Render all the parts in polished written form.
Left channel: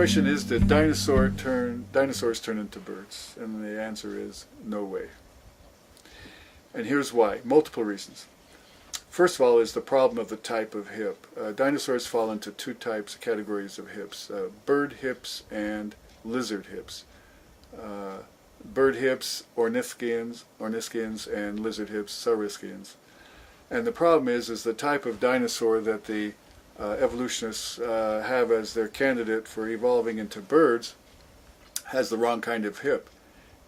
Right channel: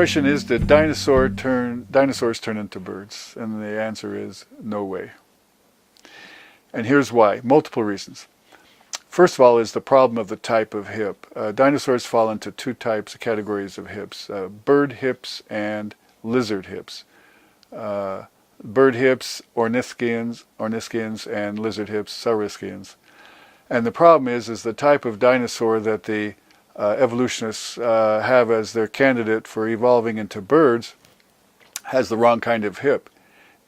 question is, did dinosaurs turn into birds? And the answer is no way. And here's why. Multiple reasons. First of all is the problem of the type of hip. Dinosaurs fall into two types, categories of hips, bird hips and lizard hips. Bird hips, ornithischians, and lizard hips, saurischians. And the problem is the type of dinosaur that the evolutionists have as their candidate for evolving into birds has the wrong kind of hip.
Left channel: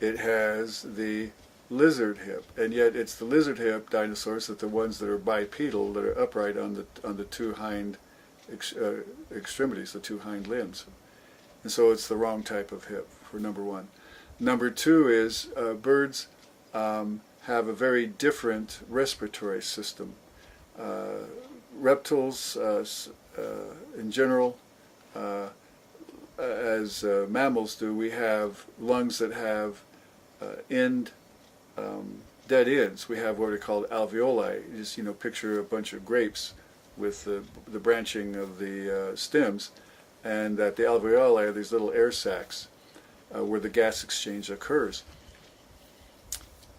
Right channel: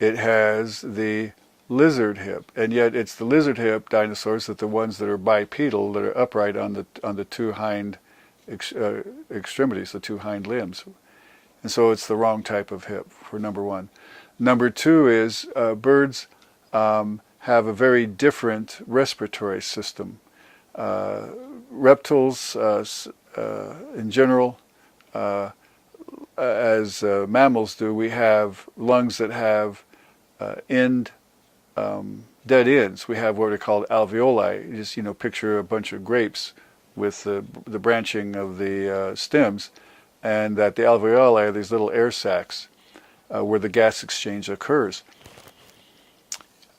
It has the lizard hip, and yet it's the lizard hip dinosaurs that the ones that are bipedal, that are upright on the two hind extremities, the two hind limbs. And so it's the wrong type of hip, for number one. Number two is birds have a very different respiratory system. Reptiles, in general, as mammals do, we have lungs that have dead ends. We have what are called alveoli. You just picture a bunch of grapes with the branching of the stems, and that the alveoli are these little air sacs where the gas exchange occurs.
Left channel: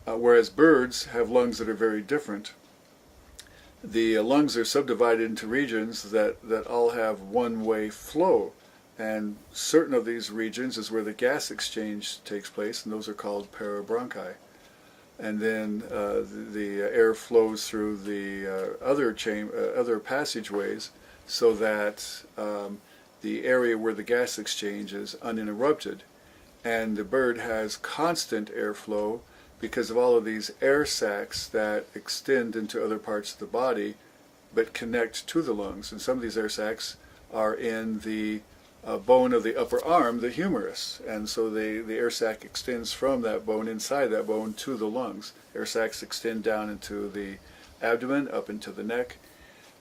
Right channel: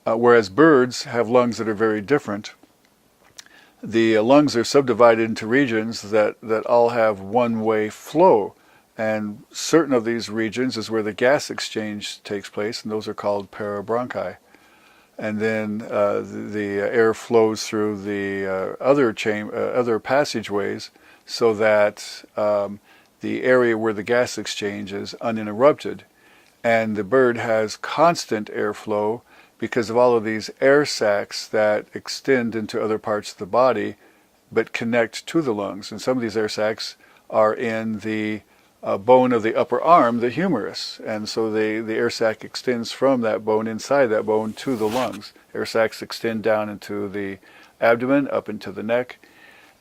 Whereas birds have lungs that are very different. The lungs are subdivided into regions that all have one-way flow, and certain of these regions is where the gas exchange takes place, and those are called parabronchi. And then the air flows through the other passageways, so that the area where the gas exchange is uninterrupted, and the bird has constant airflow because of all of these air sacs that extend into other parts of the body but connect to the lungs. And some of these air sacs are in the bone of the upper arm, the humerus. And so the air sac extends from that bone, inside that bone, to the lungs. Air sacs extend down into the abdomen, up into the neck.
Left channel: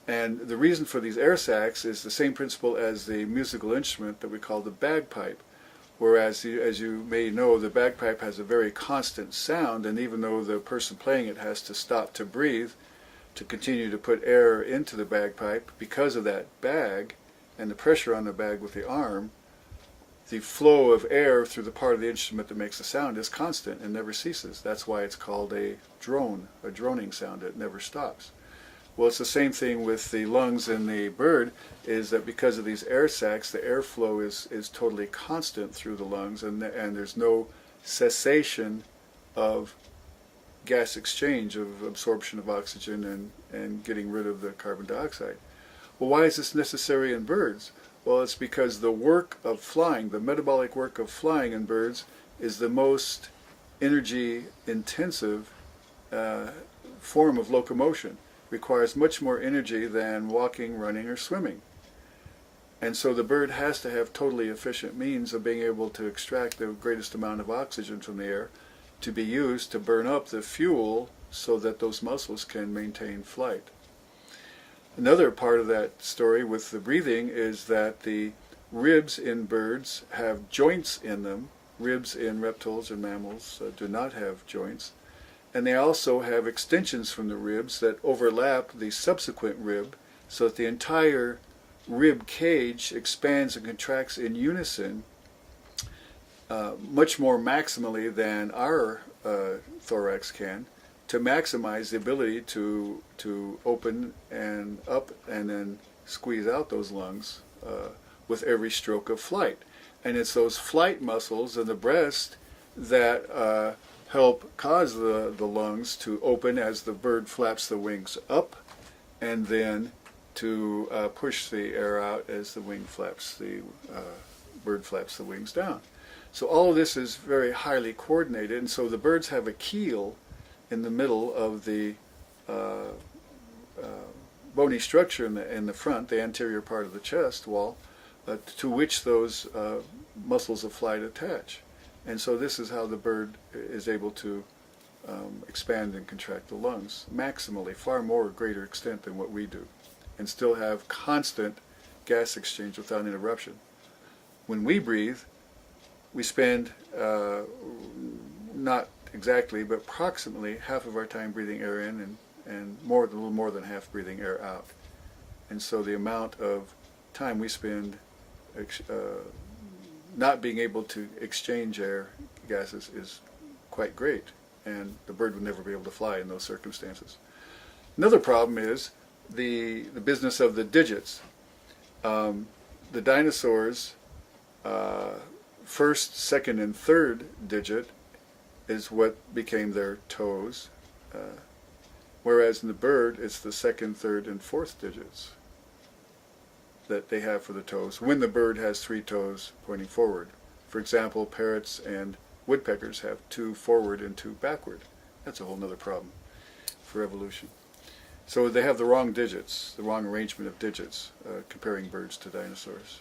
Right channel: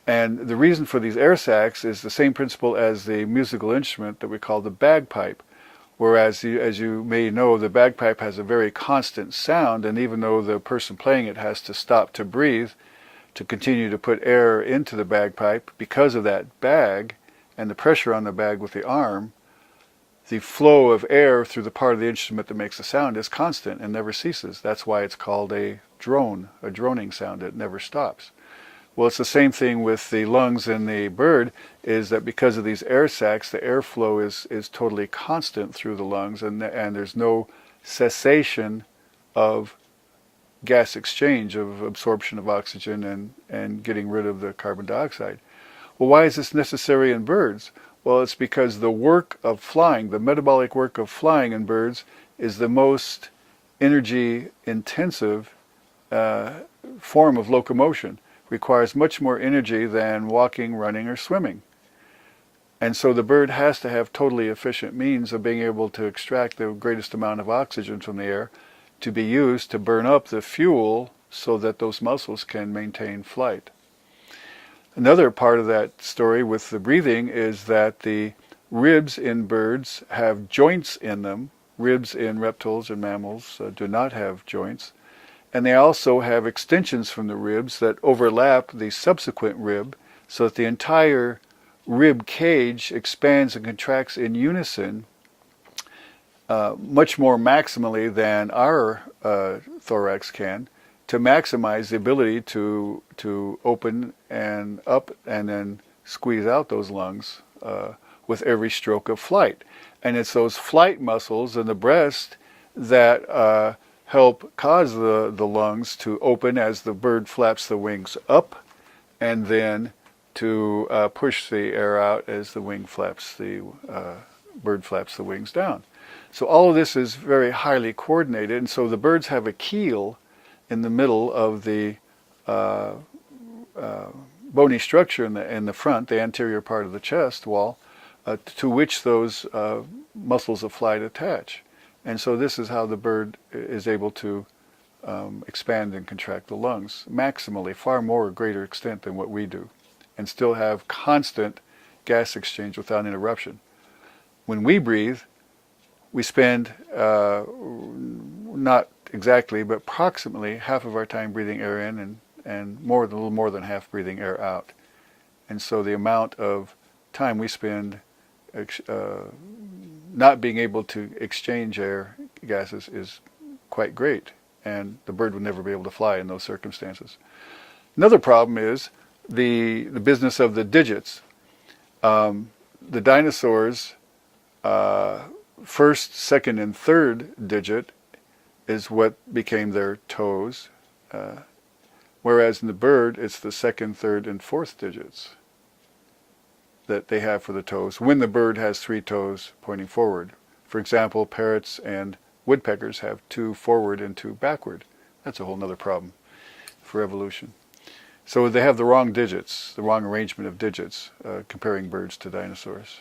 And the reason for these air sacs is the same principle as the musical instrument that we call the bagpipe. Whereas, as you may know, the bagpipe has a very constant sound, and even though the person playing it has to stop to breathe to continue to put air into the bagpipe, because of that bag and the pressure on the bag with the arm, the flow of air through the part of the instrument that makes the sound is constant and never ceases. That's why it's called a drone, a droning sound. It never stops. Well, it's the same thing with the lungs in the bird, is that because of these air sacs, the airflow is totally constant through the lungs, and there's no cessation of gas exchange, of absorption of oxygen and getting rid of the carbon dioxide. Well, why is this necessary in birds? Well, it's because the work of flying, the metabolic work of flying in birds, is the most energy intensive form of locomotion. Requires much more energy than walking, running, or swimming. And so the bird has to have totally efficient means of being able to extract the greatest amount of oxygen from the air to be used to burn up the fuel so that those muscles can maintain flight. Another part of that story with the breathing is that the ribs in birds have joints in them. Ribs in reptiles and mammals do not have joints. And they also have extensions from the ribs that overlap the subsequent rib, so that the entire rib cage expands and contracts in unison, much more maximally than our thorax can, to maximize the ability to open and up and then squeeze out those lungs with every stroke of flight. And it's those flight muscles in the breast that help cause the lungs to open as the bird flaps the wings up, and then to push the air out as the bird flaps the wings down. So all of this is very highly coordinated, and so the birds have a keel in the middle of the bony structure in the front, the anterior part of the chest wall, to which those muscles of flight attach. And so this is how the bird is able to expand and contract the lungs maximally, far more greater extent than what we do, and still have constant gas exchange without interruption. When we breathe, we spend not exactly, but approximately half of our time breathing air in, and a little more than half breathing air out. And so the amount of time we spend not being able to exchange air gases is quite great, and the bird would never be able to fly in those circumstances. Another problem is the business of the digits. The dinosaurs, first, second, and third digit is what became their toes, whereas in the bird it's the second, third, and fourth digits that they have for the toes when the bird has 3 toes pointing forward. For example, parrots and woodpeckers have 2 forward and 2 backward. That's a whole other problem for evolution. So they have the wrong digits, the wrong arrangement of digits, comparing birds to dinosaurs.